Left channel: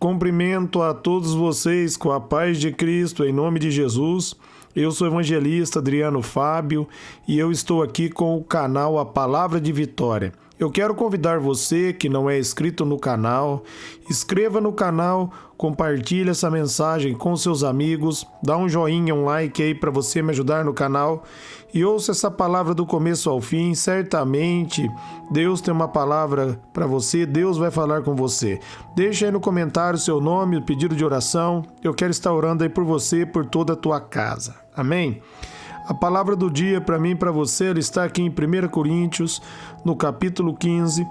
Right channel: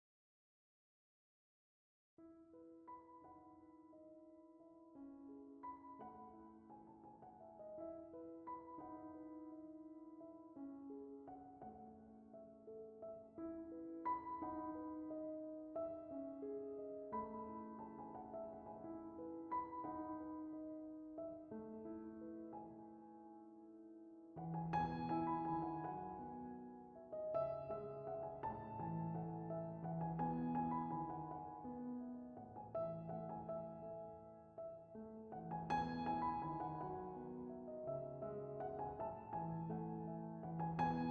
Cumprimento a todos vocês com a paz de Cristo, em nome de Jesus. Eu sou o evangelista Adriano Fábio e eu estou aqui com o canal A Palavra de Vitória. Eu quero convidar você que não é inscrito no canal, inscreva no canal, compartilhe essa mensagem com seus amigos, dá um joinha, um like aí para você me ajudar no canal e ouça essa palavra do começo ao fim. Certamente Deus tem uma palavra para você, Deus vai falar com você. Deixa aí no comentário o seu nome, o pedido de oração, eu quero estar orando aí por você, por toda a tua casa. Amém? A palavra do dia para mim e para você, ela está aqui em 1 Coríntios, no capítulo 15,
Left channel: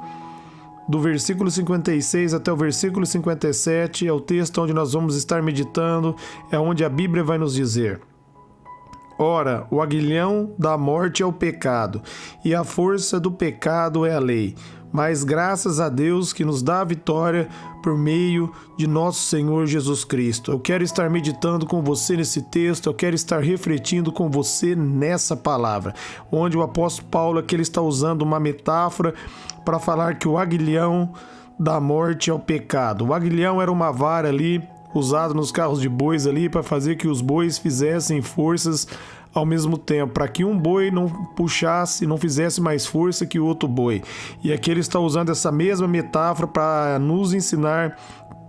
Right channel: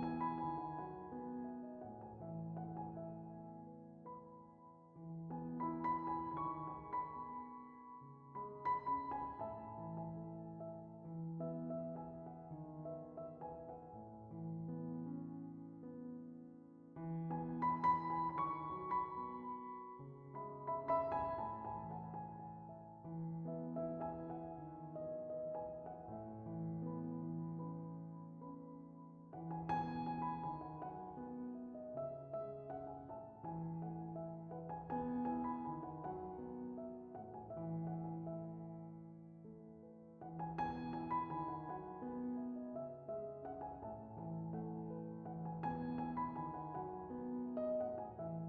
do versículo 56 até o versículo 57, é o texto onde nós vamos estar meditando, é onde a Bíblia vai nos dizer: Ora, o aguilhão da morte é o pecado, e a força do pecado é a lei. Mas graças a Deus que nos dá a vitória por meio de nosso Senhor Jesus Cristo. Eu quero estar meditando com você nesse texto, eu quero estar refletindo com você nessa palavra, onde o apóstolo Paulo aqui ele está usando uma metáfora para falar que o aguilhão da morte é o pecado. O aguilhão era uma vara ali, usado nos carros de bois ali, para fazer que os bois fizessem forças ao mesmo tempo, para que um boi não puxasse, não fizesse mais força que o outro boi. E aqui ele está usando essa mesma metáfora para nos ensinar,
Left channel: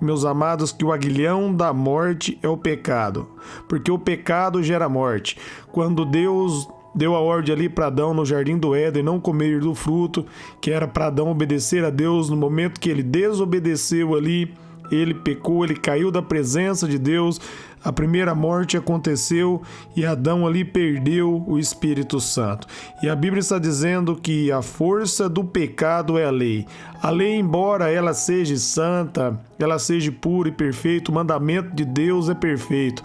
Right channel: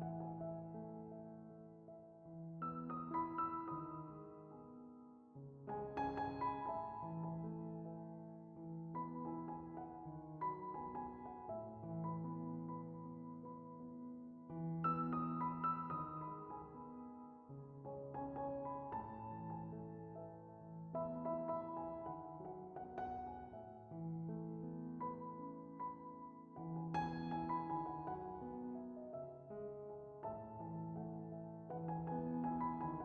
meus amados, que o aguilhão da morte é o pecado, porque o pecado gera morte. Quando Deus deu a ordem ali para Adão no jardim do Éden não comer do fruto, que era para Adão obedecer a Deus, no momento que ele desobedeceu ali, ele pecou, ele caiu da presença de Deus, a primeira morte aconteceu e Adão ali perdeu o Espírito Santo. E a Bíblia está dizendo que a força do pecado é a lei. A lei, embora ela seja santa, ela seja pura e perfeita, o mandamento de Deus é perfeito.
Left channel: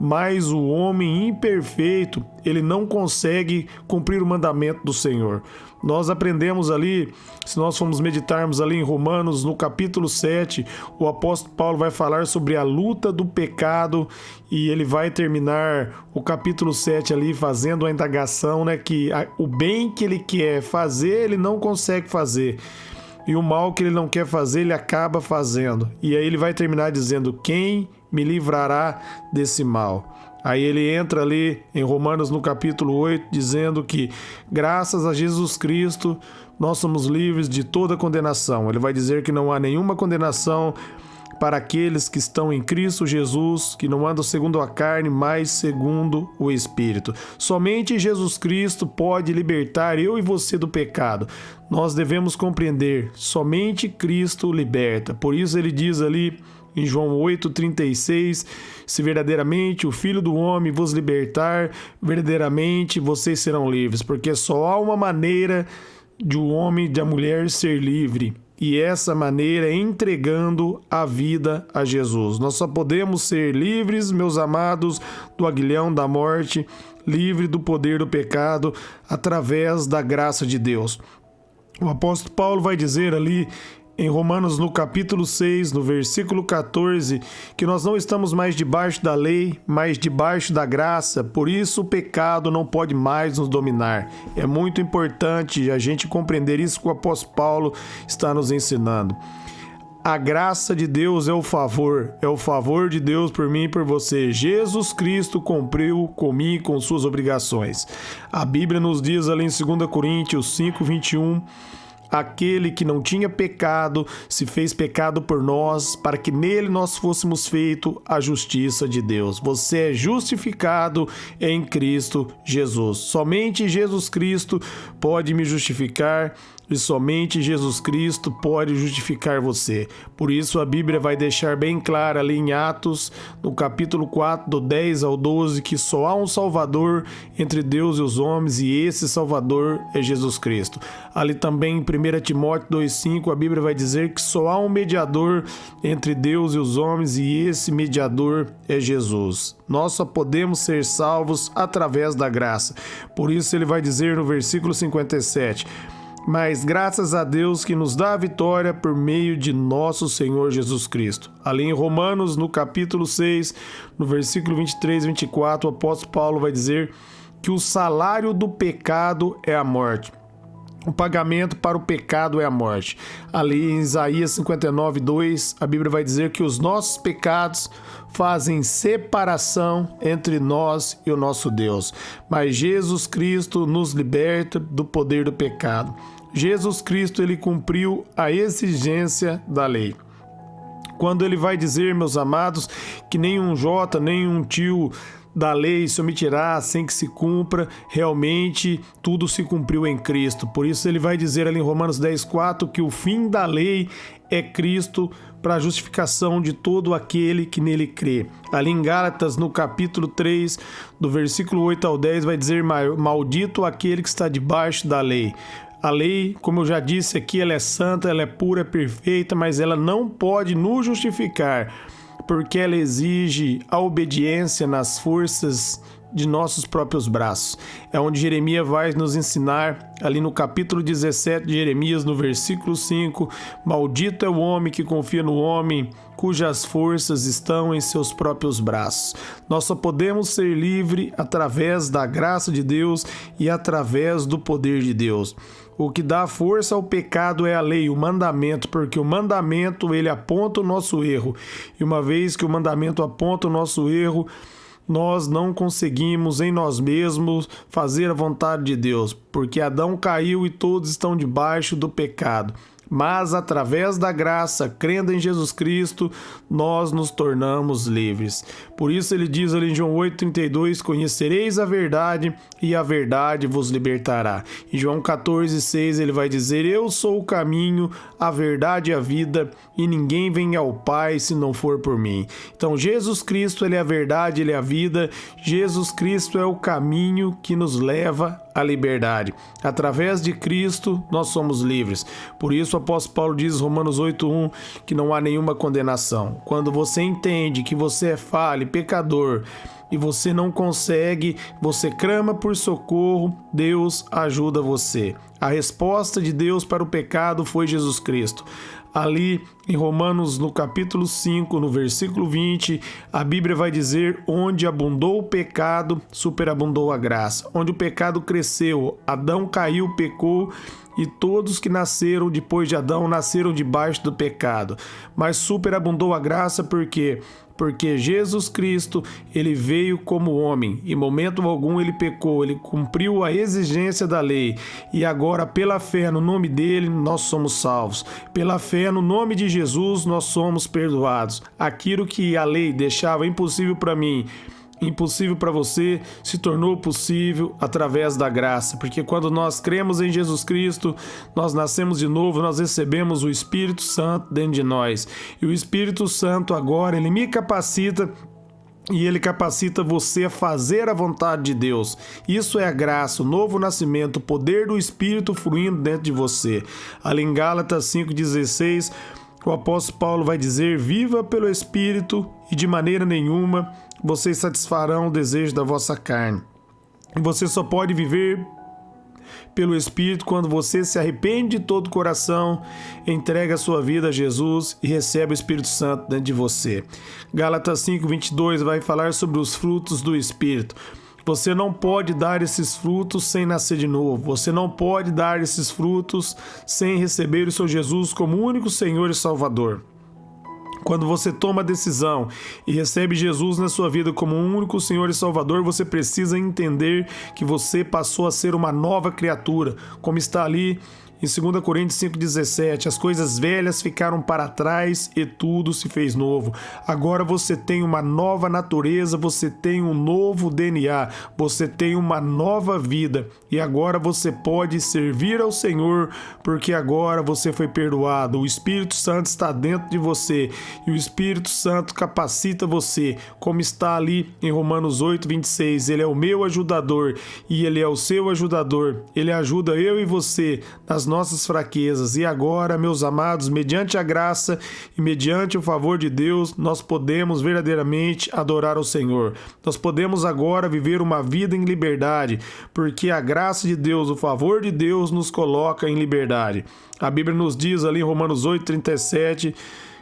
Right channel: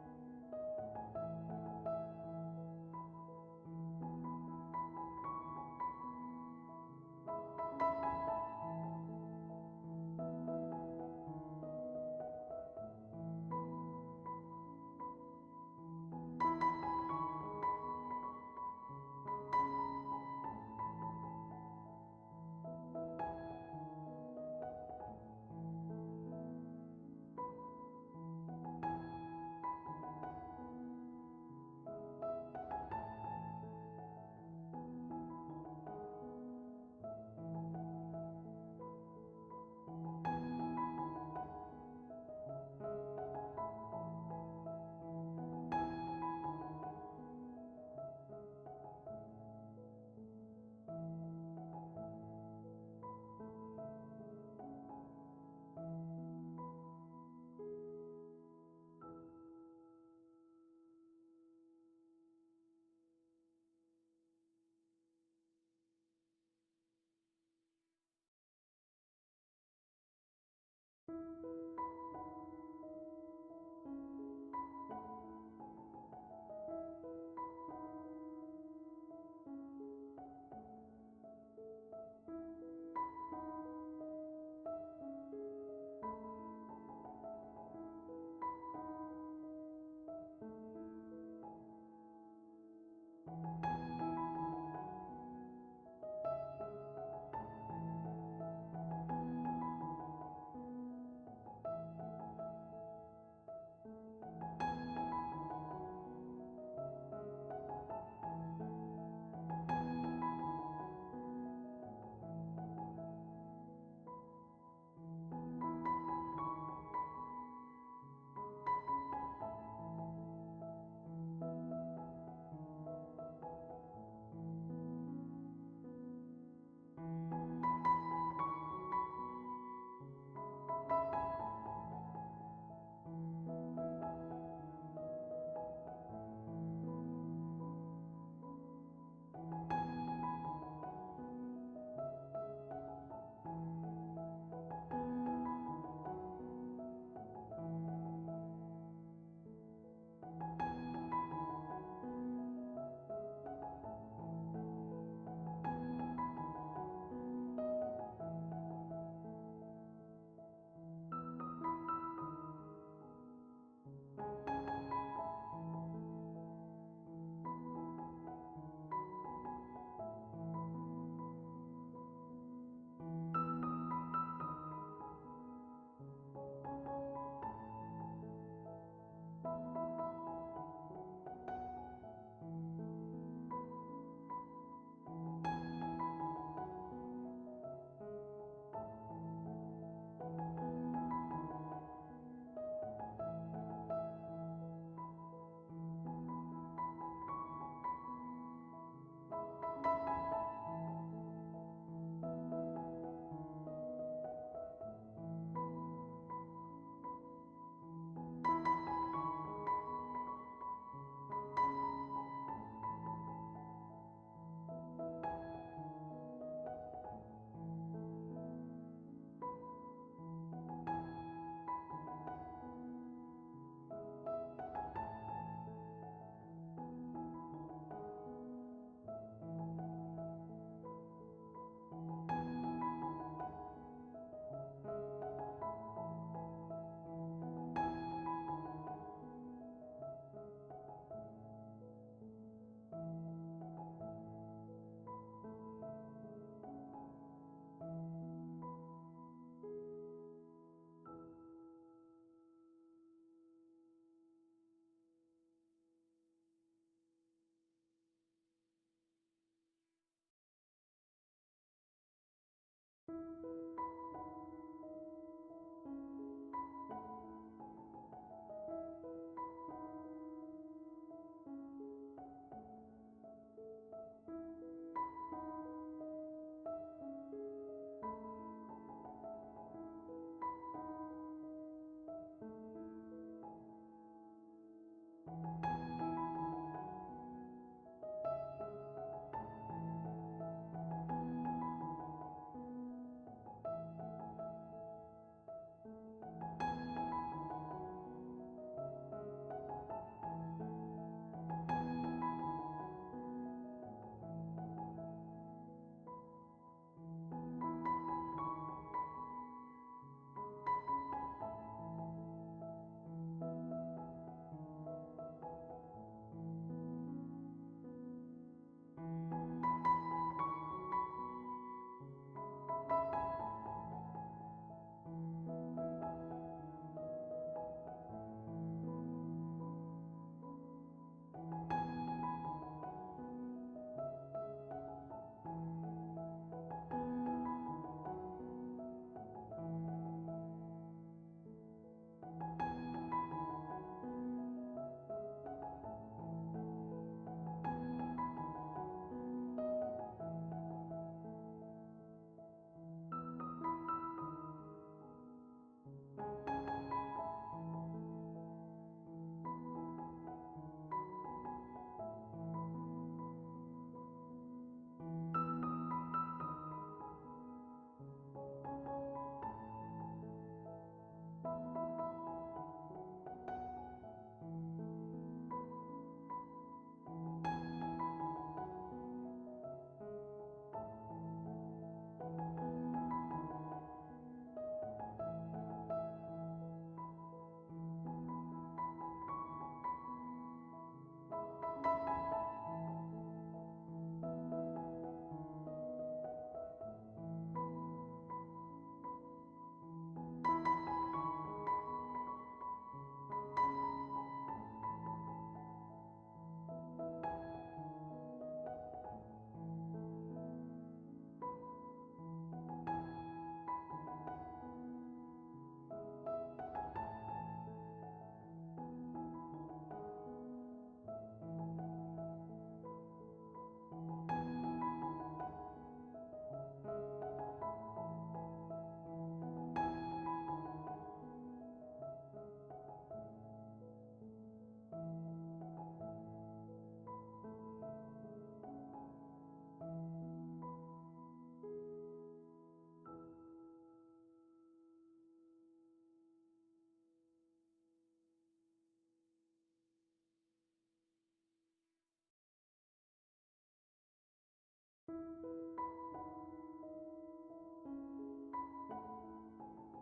Mas o homem imperfeito, ele não consegue cumprir o mandamento do Senhor. Nós aprendemos ali, se nós formos meditarmos ali em Romanos, no capítulo 7, o apóstolo Paulo vai falar sobre a luta do pecado e ele vai terminar o capítulo 7 ali fazendo a indagação, né, que o bem que ele quer fazer, ele não consegue fazer. E o mal que ele não quer fazer, ele acaba fazendo. E aí ele vai terminar dizendo: quem me livrará desse mal? Aí ele entra ali em Romanos no capítulo 8, dizendo que graças a Jesus Cristo nós somos livres de toda condenação. Ele vai dizer que não há nenhuma condenação para aqueles que estão em Cristo Jesus, que não andam segundo a carne, mas segundo o Espírito. Somente Jesus Cristo pode libertar eu e você do pecado. Nós devemos compreender, somente Cristo liberta. Por isso ele diz ali em João 8,36, se verdadeiramente o Filho do Homem vos libertar, verdadeiramente vocês serão livres, porque só há uma maneira de o homem e da mulher ser livre, e essa maneira é entregando a vida a Jesus. Nós só podemos ser livres, meus amados, do aguilhão da morte, livre do poder do pecado, através da graça de Deus. O apóstolo Paulo vai dizer ali em Romanos no capítulo 6, no versículo 14, que nós não estamos mais debaixo da lei, mas debaixo da graça, por isso o pecado não pode mais nos dominar. É muito importante a gente compreender isso que o apóstolo Paulo está nos ensinando. A graça de Deus é o favor de Deus por mim e por você. Jesus Cristo cumpriu comigo com suas obrigações. A Bíblia nos diz ali em 2 Coríntios 5:21, aquele que não tinha pecado se fez pecado por nós, para que nele nós fôssemos feito a justiça de Deus. Você é justificado em Cristo Jesus. Somente Jesus Cristo pode me justificar e somente Jesus Cristo pode justificar você. Por isso a Bíblia vai deixar bem claro ali em Atos, no capítulo 4, do 10 ao 12, que só há um Salvador entre Deus e os homens, e esse Salvador é Jesus Cristo. Ali também em 1 Timóteo 2,5, a Bíblia vai dizer que só há um mediador entre Deus e os homens, e esse mediador é Jesus. Nós só podemos ser salvos através da graça. Por isso ele vai dizer no versículo 57, mas graças a Deus que nos dá a vitória por meio de nosso Senhor Jesus Cristo. Ali em Romanos, no capítulo 6, no versículo 23 e 24, o apóstolo Paulo vai dizer que o salário do pecado é a morte. O pagamento para o pecado é a morte. Ali em Isaías 59:2, a Bíblia vai dizer que os nossos pecados fazem separação entre nós e o nosso Deus. Mas Jesus Cristo nos liberta do poder do pecado. Jesus Cristo, ele cumpriu a exigência da lei. Quando ele vai dizer, meus amados, que nenhum jota, nenhum tio da lei se omitirá sem que se cumpra, realmente tudo se cumpriu em Cristo. Por isso ele vai dizer ali em Romanos 10:4 que o fim da lei é Cristo para a justificação de todo aquele que nele crê. Ali em Gálatas, no capítulo 3, do versículo 8 ao 10, vai dizer: maldito aquele que está debaixo da lei. A lei, como eu já disse aqui, ela é santa, ela é pura, perfeita, mas ela não pode nos justificar, porque ela exige a obediência nas forças de nossos próprios braços. É onde Jeremias vai nos ensinar, ali no capítulo 17 de Jeremias, no versículo 5, maldito é o homem que confia no homem, cujas forças estão em seus próprios braços. Nós só podemos ser livres através da graça de Deus e através do poder de Deus. O que dá força ao pecado é a lei, o mandamento, porque o mandamento ele aponta o nosso erro. E uma vez que o mandamento aponta o nosso erro, nós não conseguimos em nós mesmos fazer a vontade de Deus, porque Adão caiu e todos estão debaixo do pecado. Mas através da graça, crendo em Jesus Cristo, nós nos tornamos livres. Por isso ele diz ali em João 8,32, conhecereis a verdade e a verdade vos libertará. Em João 14,6 ele vai dizer, eu sou o caminho, a verdade e a vida, e ninguém vem ao Pai se não for por mim. Então Jesus Cristo, ele é a verdade, ele é a vida. Jesus Cristo é o caminho que nos leva à liberdade. Através de Cristo, nós somos livres. Por isso o apóstolo Paulo diz em Romanos 8:1 que não há nenhuma condenação. Quando você entende que você é falho, pecador, e você não consegue, você clama por socorro, Deus ajuda você. A resposta de Deus para o pecado foi Jesus Cristo. Ali em Romanos, no capítulo 5, no versículo 20, a Bíblia vai dizer, onde abundou o pecado, superabundou a graça. Onde o pecado cresceu, Adão caiu, pecou, e todos que nasceram depois de Adão nasceram debaixo do pecado. Mas superabundou a graça porque Jesus Cristo, ele veio como homem. Em momento algum ele pecou, ele cumpriu a exigência da lei. E agora, pela fé no nome dele, nós somos salvos. Pela fé no nome de Jesus, nós somos perdoados. Aquilo que a lei deixava impossível para mim, impossível para você, se tornou possível através da graça, porque quando nós cremos em Jesus Cristo, nós nascemos de novo, nós recebemos o Espírito Santo dentro de nós, e o Espírito Santo agora, ele me capacita, e ele capacita você a fazer a vontade de Deus. Isso é a graça, o novo nascimento, o poder do Espírito fluindo dentro de você. Ali em Gálatas 5,16, o apóstolo Paulo vai dizer, viva pelo Espírito e de maneira nenhuma vocês satisfarão o desejo da vossa carne. Você só pode viver pelo Espírito quando você se arrepende de todo o coração, entrega a sua vida a Jesus e recebe o Espírito Santo dentro de você. Gálatas 5,22 vai falar sobre os frutos do Espírito. Você não pode dar esses frutos sem nascer de novo. Você não pode dar esses frutos sem receber o seu Jesus como único Senhor e Salvador. Quando você toma a decisão e recebe Jesus na sua vida como um único Senhor e Salvador, você precisa entender que você passou a ser uma nova criatura, como está ali em 2 Coríntios 5,17, as coisas velhas ficaram para trás e tudo se fez novo. Agora você tem uma nova natureza, você tem um novo DNA, você tem uma nova vida e agora você pode servir ao Senhor porque agora você foi perdoado. O Espírito Santo está dentro de você e o Espírito Santo capacita você, como está ali em Romanos 8,26. Ele é o meu ajudador e ele é o seu ajudador. Ele ajuda eu e você nas nossas fraquezas. E agora, meus amados, mediante a graça e mediante o favor de Deus, nós podemos verdadeiramente adorar ao Senhor. Nós podemos agora viver uma vida em liberdade, porque a graça de Deus, o favor de Deus nos coloca em liberdade. A Bíblia nos diz ali em Romanos 8,37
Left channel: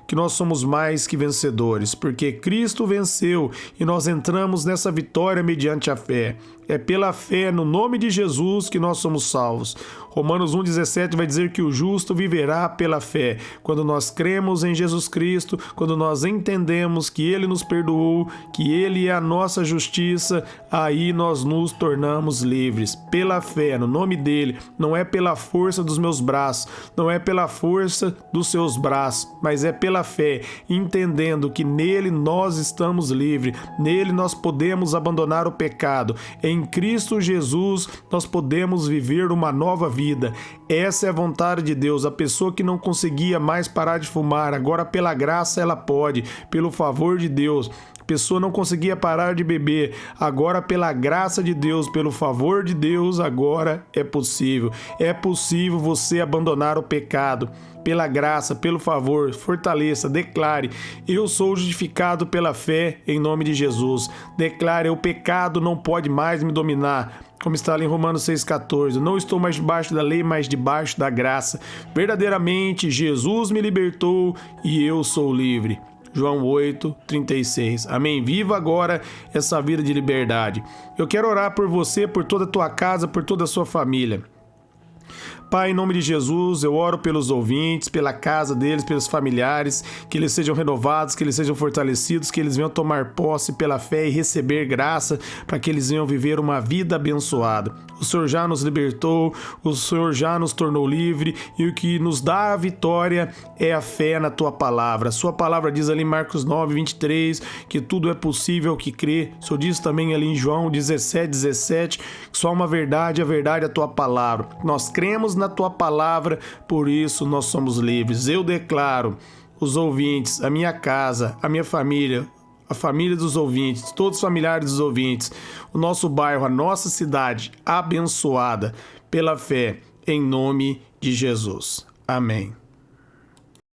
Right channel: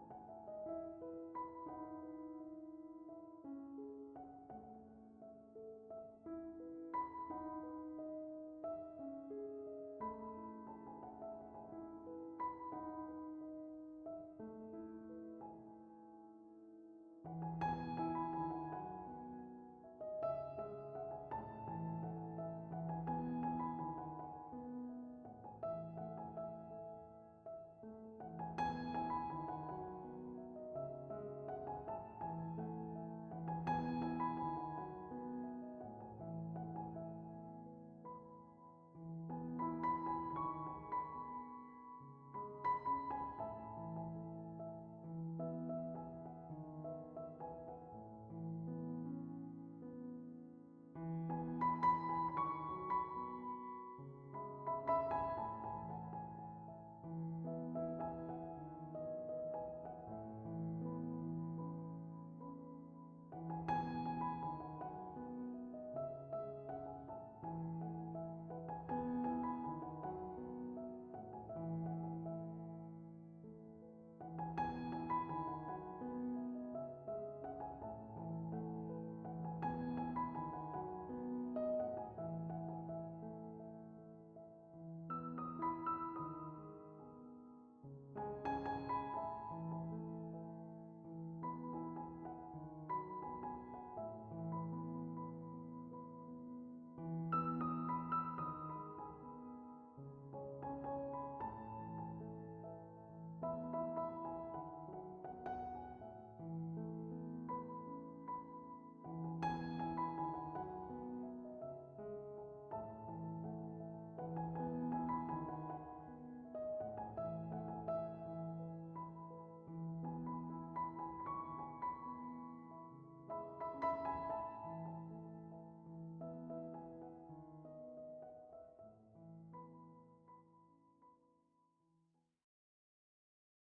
que nós somos mais que vencedores, porque Cristo venceu e nós entramos nessa vitória mediante a fé. É pela fé no nome de Jesus que nós somos salvos. Romanos 1,17 vai dizer que o justo viverá pela fé. Quando nós cremos em Jesus Cristo, quando nós entendemos que Ele nos perdoou, que Ele é a nossa justiça, aí nós nos tornamos livres. Pela fé, no nome dEle. Não é pela força dos meus braços, não é pela força dos seus braços, mas é pela fé, entendendo que nele nós estamos livres, nele nós podemos abandonar o pecado. Em Cristo Jesus nós podemos viver uma nova vida. Essa é a vontade de Deus. A pessoa que não conseguia mais parar de fumar, agora pela graça ela pode, pelo favor de Deus. A pessoa não conseguia parar de beber, agora pela graça de Deus, pelo favor de Deus, agora é possível. É possível você abandonar o pecado. Pela graça, pelo favor, fortaleça, declare: eu sou justificado pela fé em nome de Jesus. Declare: o pecado não pode mais me dominar. Como está ali em Romanos 6,14, não estou mais debaixo da lei, mas debaixo da graça. Verdadeiramente, Jesus me libertou e eu sou livre. João 8,36. Amém? Viva agora essa vida de liberdade. Eu quero orar por você, por toda a tua casa, por toda a sua família. Pai, em nome de Jesus, eu oro pelos ouvintes, pela casa deles, pelos familiares, que eles sejam renovados, que eles sejam fortalecidos, que eles venham tomar posse pela fé e receber graça para que eles venham viver uma vida abençoada. O Senhor já nos libertou, o Senhor já nos tornou livre e o que nos dá a vitória é a fé na Tua palavra. A Sua palavra diz ali em Marcos 9:23 que tudo é possível ao que crê. O Senhor diz também ali em João 17:17 que só uma verdade, a verdade é a Tua palavra. Nós cremos na Tua palavra, por isso nós somos livres. Eu declaro, os ouvintes, a minha casa, a minha família, a família dos ouvintes, todos os familiares dos ouvintes, o nosso bairro, a nossa cidade, abençoada pela fé, em nome de Jesus. Amém.